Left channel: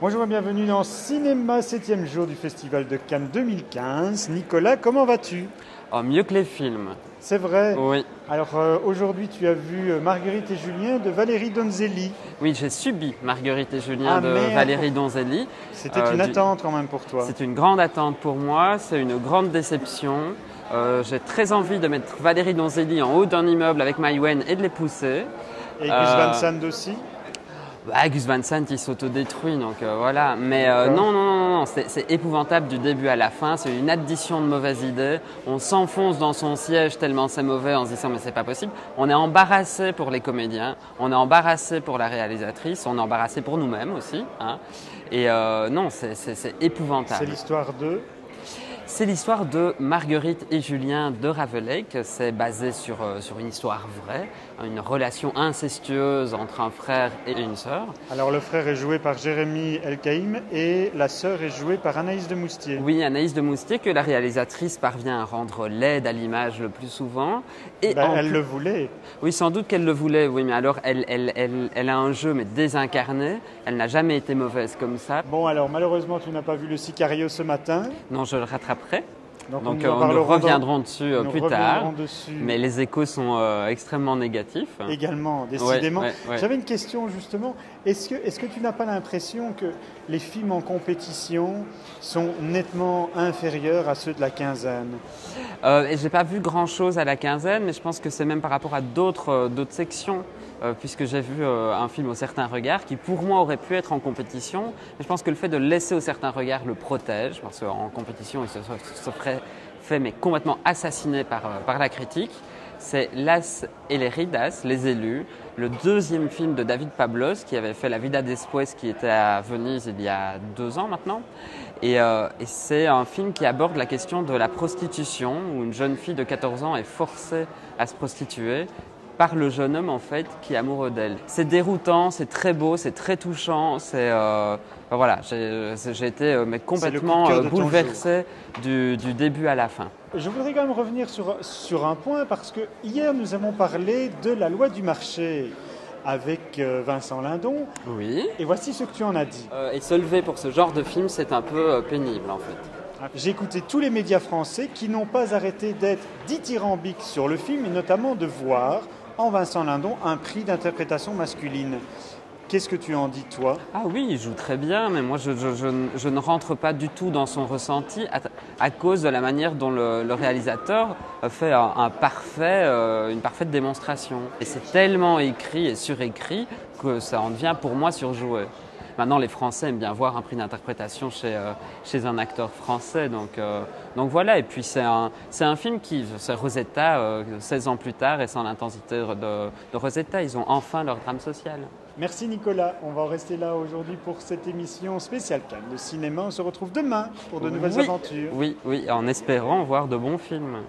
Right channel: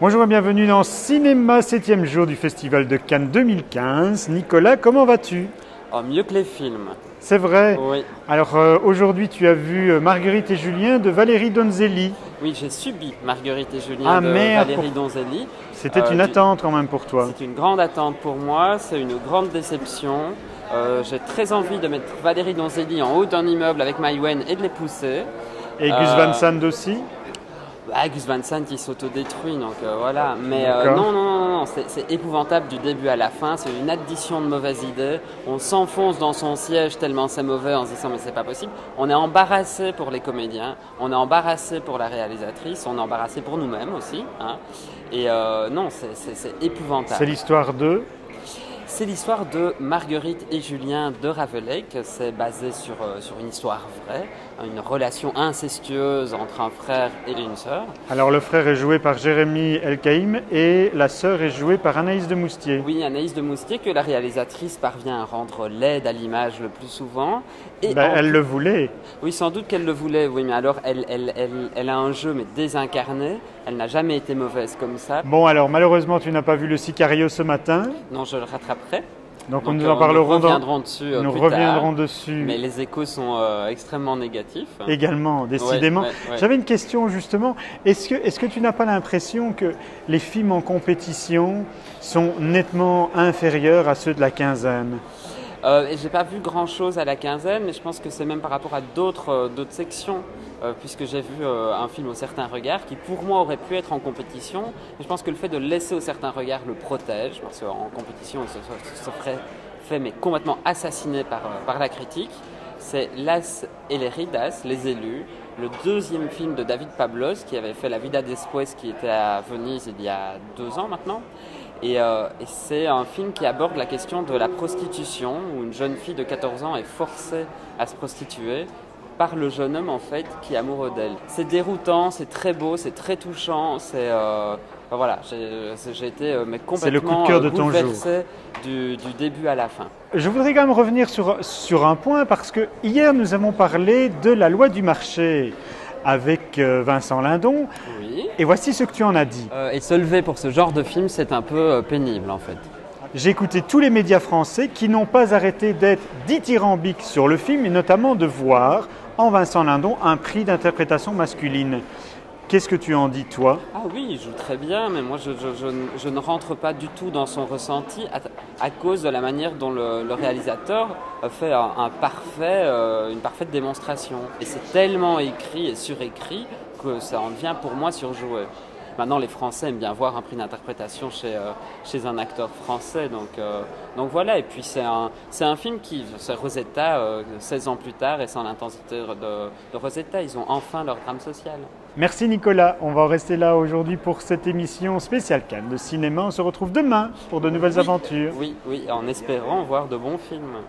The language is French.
Bonjour et bienvenue dans Cinéma, 7e jour du Festival de Cannes 2015. Nicolas, comment vas-tu? Oh, mieux que les films. C'est vrai. Oui. Alors aujourd'hui, tu as vu Marguerite et Julien de Valérie Donzelli. Oui, j'ai subi Marguerite et Julien Ah, de merde. Valérie Donzelli. C'était une attente quand même pour toi. C'est une grande attente pour moi, c'est une grande déception. J'ai très envie de mettre Valérie Donzelli en haut d'un immeuble avec Maïwenn et de les pousser. Et Gus Van Sant aussi. Gus Van Sant il s'autodétruit, donc voilà. Mais D'accord. non, c'est épouvantable du début à la fin. C'est une addition de mauvaises idées. On s'enfonce dans son siège tellement c'est mauvais en se disant mais c'est pas possible. On est embarrassé pour les comédiens, on est embarrassé pour la réalisatrice, on est embarrassé pour nous-mêmes aussi. Hein. Et non, c'est épouvantable. C'est l'histoire de... C'est l'histoire de Marguerite et Julien de Rabelais. C'est basé sur une histoire vraie, une relation incestueuse entre un frère et une sœur. Alors le frère est joué par Jérémy Elkaïm et la sœur est jouée par Anaïs de Moustier. Oui, Anaïs de Moustier, que la réalisatrice parvient à rendre laide à l'image le plus souvent. Et Elle le voulait. Oui, sans doute qu'elle le voulait, oui, mais alors elle a un jeu mais désincarné. Elle n'a jamais été mauvaise comme ça. Bon alors malheureusement tu n'as pas vu le Sicario ce matin. Non, je le rattraperai. Donc nous reviendrons dessus nous plus reviendrons tard. dessus. Mais les échos sont extrêmement négatifs. Également, décidément. Ouais. J'avais une question justement. Est-ce que tu n'as pas l'impression que les films en compétition sont nettement inférieurs à ceux de la quinzaine? J'ai pas vu grand chose à la quinzaine, mais je pense que c'est même par rapport à d'autres sections. Puisque j'ai vu un film au certain regard qui pour moi aurait pu être en compétition, mais je pense que le fait de le laisser au certain regard le protège, parce qu'en compétition il se ferait fait mais complètement assassiné par la critique. C'est Las et les Ridas, Les Élus, le deuxième film de David Pablos qui avait fait La Vida Después qui était à Venise il y a 2 ans maintenant. Et c'est un film qui aborde la question de la prostitution, où une jeune fille de 14 ans est forcée à se prostituer par le jeune homme en fait qui est amoureux d'elle. C'est déroutant, c'est très beau, c'est très touchant, voilà, j'ai été mais complètement bouleversé du début à la fin. Je voudrais quand même revenir sur un point parce que hier nous avons parlé de La Loi du marché avec Vincent Lindon. Oui. Et voici ce que tu en as dit. Et se lever pour ce genre de film, c'est un peu pénible en fait. J'ai écouté tous les médias français qui n'ont pas arrêté d'être dithyrambiques sur le film et notamment de voir en Vincent Lindon un prix d'interprétation masculine. Qu'est-ce que tu en dis, toi? Ah oui, il joue très bien, mais moi je ne rentre pas du tout dans son ressenti à cause de la manière dont le réalisateur fait une parfaite démonstration. Et c'est tellement écrit et surécrit que ça en devient pour moi surjoué. Maintenant, les Français aiment bien voir un prix d'interprétation chez un acteur français, donc voilà. Et puis c'est un film c'est Rosetta, 16 ans plus tard, et sans l'intensité de Rosetta, ils ont enfin leur drame social. Merci Nicolas, on va en rester là aujourd'hui pour cette émission spéciale Cannes de cinéma. On se retrouve demain pour de nouvelles aventures. Oui, en espérant voir de bons films.